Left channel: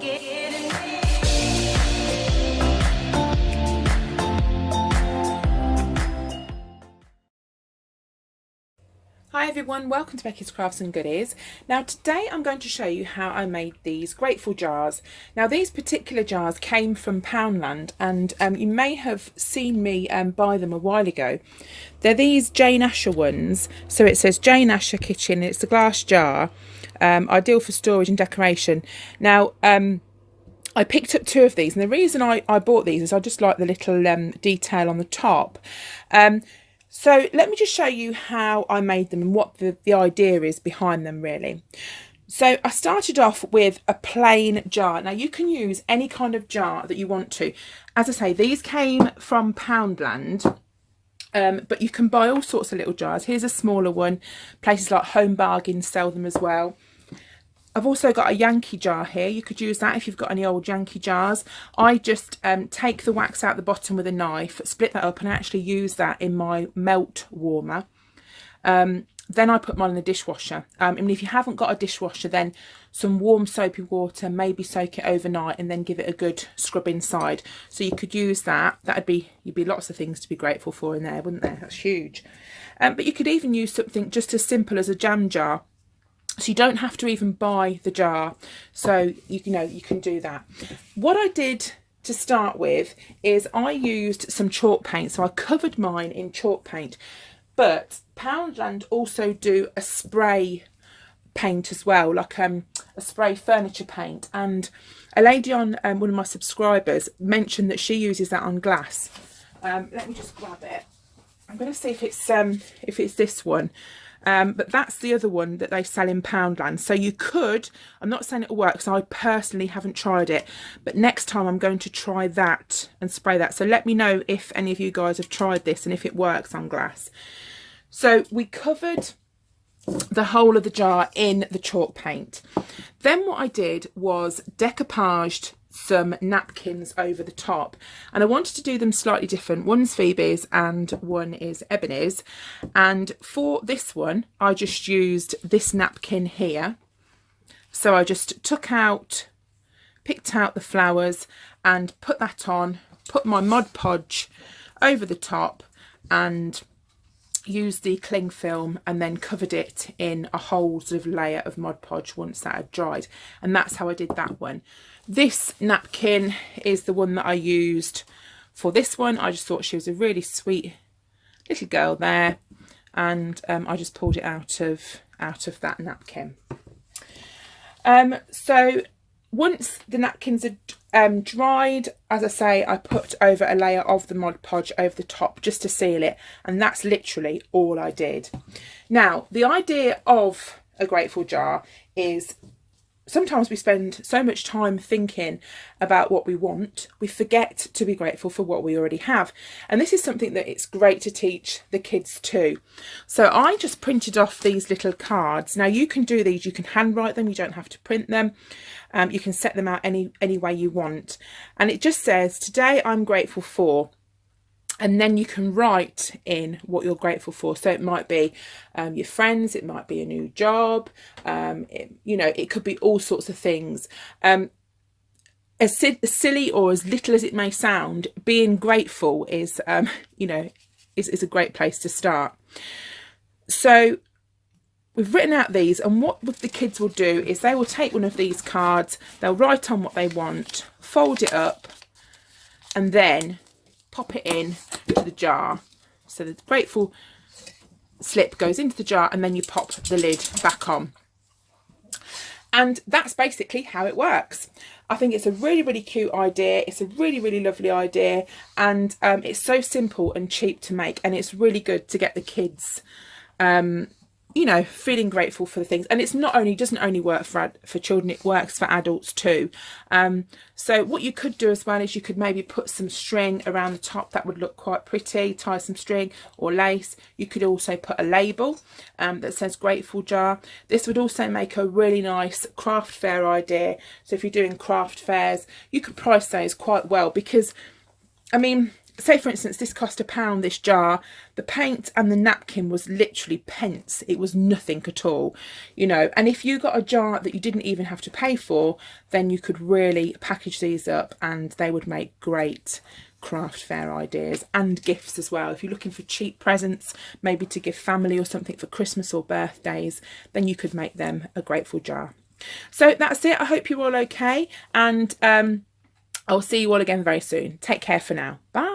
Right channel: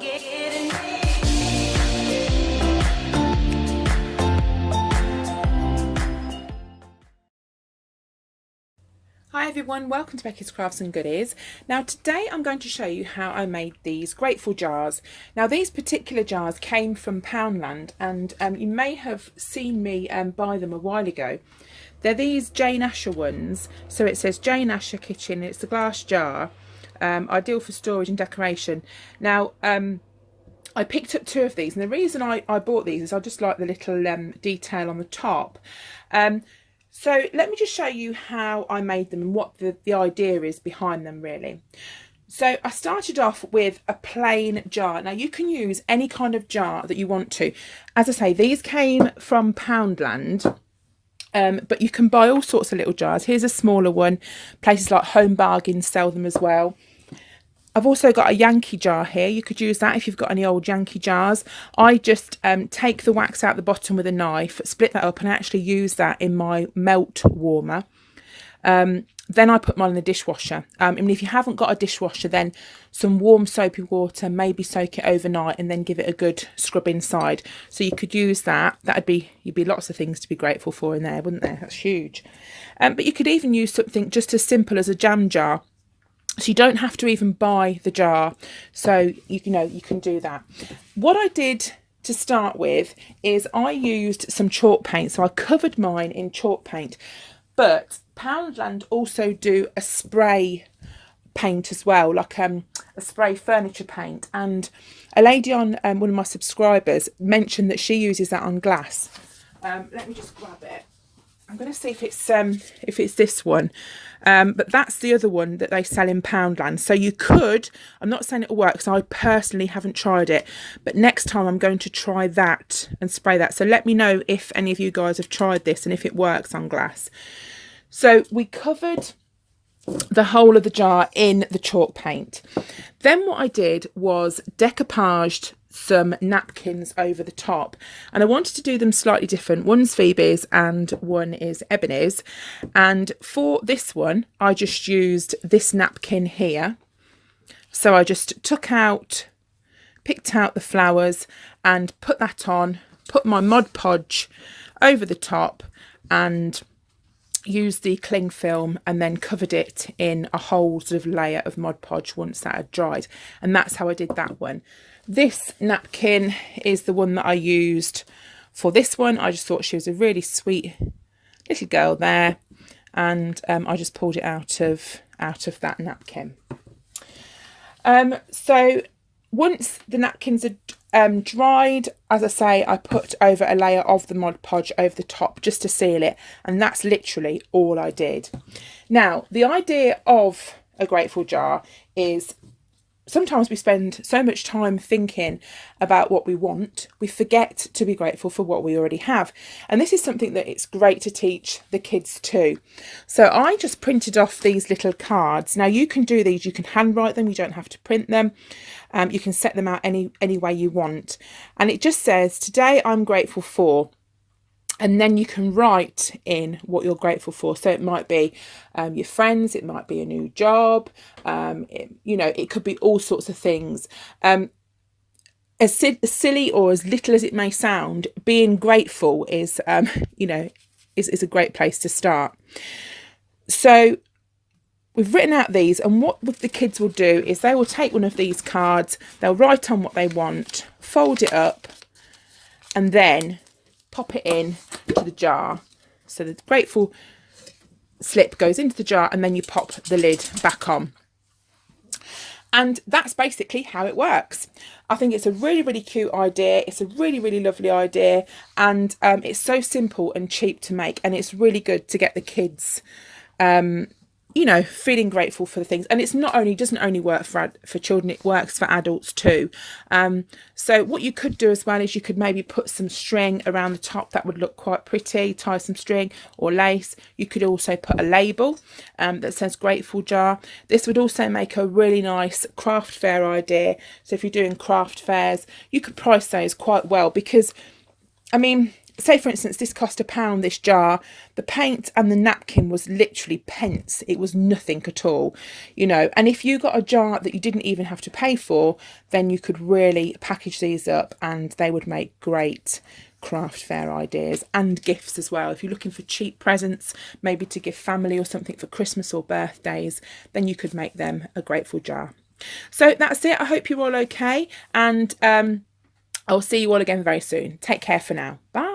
Hi everyone, welcome to Becky's Crafts and Goodies. Now today I'm going to show you how I made these grateful jars. Now these particular jars came from Poundland, and you may have seen me buy them a while ago. They're these Jane Asher ones, so it says Jane Asher Kitchen. It's a glass jar, ideal for storage and decoration. Now I picked up two of these, and the reason I bought these is I just like the little detail on the top. So let me just show you how I made them and what the idea is behind them really. So I started off with a plain jar. Now you can use any kind of jar that you want to. As I say, these came from Poundland, but you can buy all sorts of little jars. Here's a smaller one. Places like Home Bargains sell them as well. I've also got a Yankee jar here. You could use that if you've got any old Yankee jars. I just take the wax out the bottom with a knife, split that up, and I actually use that in my melt warmer. Then I put mine in the dishwasher. And if you haven't got a dishwasher, then some warm soapy water, maybe soak it overnight and then give it a good scrub inside. So you could use that. You'd be lots of things to be grateful for in there, wouldn't there? That's huge. But you could even use something just as simple as a jam jar. So you don't have to even buy the jar. So you can do that. What I did to start with is I used some chalk paint. So I covered mine in chalk paint. But Poundland also do a spray paint as well, like a spray furniture paint. And a lady on one of my subscribers mentioned that she uses that on glass. Let me just grab it. I'm going to see if it's this one. But that's the other one that they sell in Poundland. So you could, I'm not saying it'll work because I personally haven't tried it, but next time I'm going to try that and spray that. So let me know if any of you guys have tried this and if it works on glass. So we covered the whole of the jar in the chalk paint. Then what I did was decoupaged some napkins over the top, and I wanted to do them slightly different. One's Phoebe's and one is Ebony's, and for this one I just used this napkin here. So I just picked out the flowers and put that on, put my Mod Podge over the top and used the cling film, and then covered it in a whole sort of layer of Mod Podge once that had dried. And that's how I did that one. This napkin is the one that I used for this one. I just thought she was a really sweet little girl there, and I just pulled it out of that napkin. So once the napkins are dried, as I say, I put over a layer of the Mod Podge over the top just to seal it, and that's literally all I did. Now, the idea of a grateful jar is sometimes we spend so much time thinking about what we want, we forget to be grateful for what we already have. And this is something that it's great to teach the kids too. So I just printed off these little cards. Now you can do these, you can handwrite them, you don't have to print them. You can set them out any way you want. And it just says, today I'm grateful for. And then you can write in what you're grateful for. So it might be your friends, it might be a new job, it could be all sorts of things. As silly or as little as it may sound, being grateful is a great place to start. So we've written out these, and what the kids will do is they will take one of these cards, they'll write on what they want, fold it up, and then pop it in to the jar. So the grateful slip goes into the jar, and then you pop the lid back on. And that's basically how it works. I think it's a really, really cute idea. It's a really, really lovely idea. And it's so simple and cheap to make. And it's really good to get the kids feeling grateful for the things. And doesn't only work for children, it works for adults too. So what you could do as well is you could maybe put some string around the top. That would look quite pretty. Tie some string or lace. You could also put a label that says grateful jar. This would also make a really nice craft fair idea. So if you're doing craft fairs, you could price those quite well, because I mean, say for instance, this cost £1, this jar, the paint and the napkin was literally pence. It was nothing at all, you know. And if you got a jar that you didn't even have to pay for, then you could really package these up and they would make great craft fair ideas and gifts as well. If you're looking for cheap presents, maybe to give family or something for Christmas or birthdays, then you could make them a grateful jar. So that's it. I hope you're all okay, and I'll see you all again very soon. Take care for now. Bye.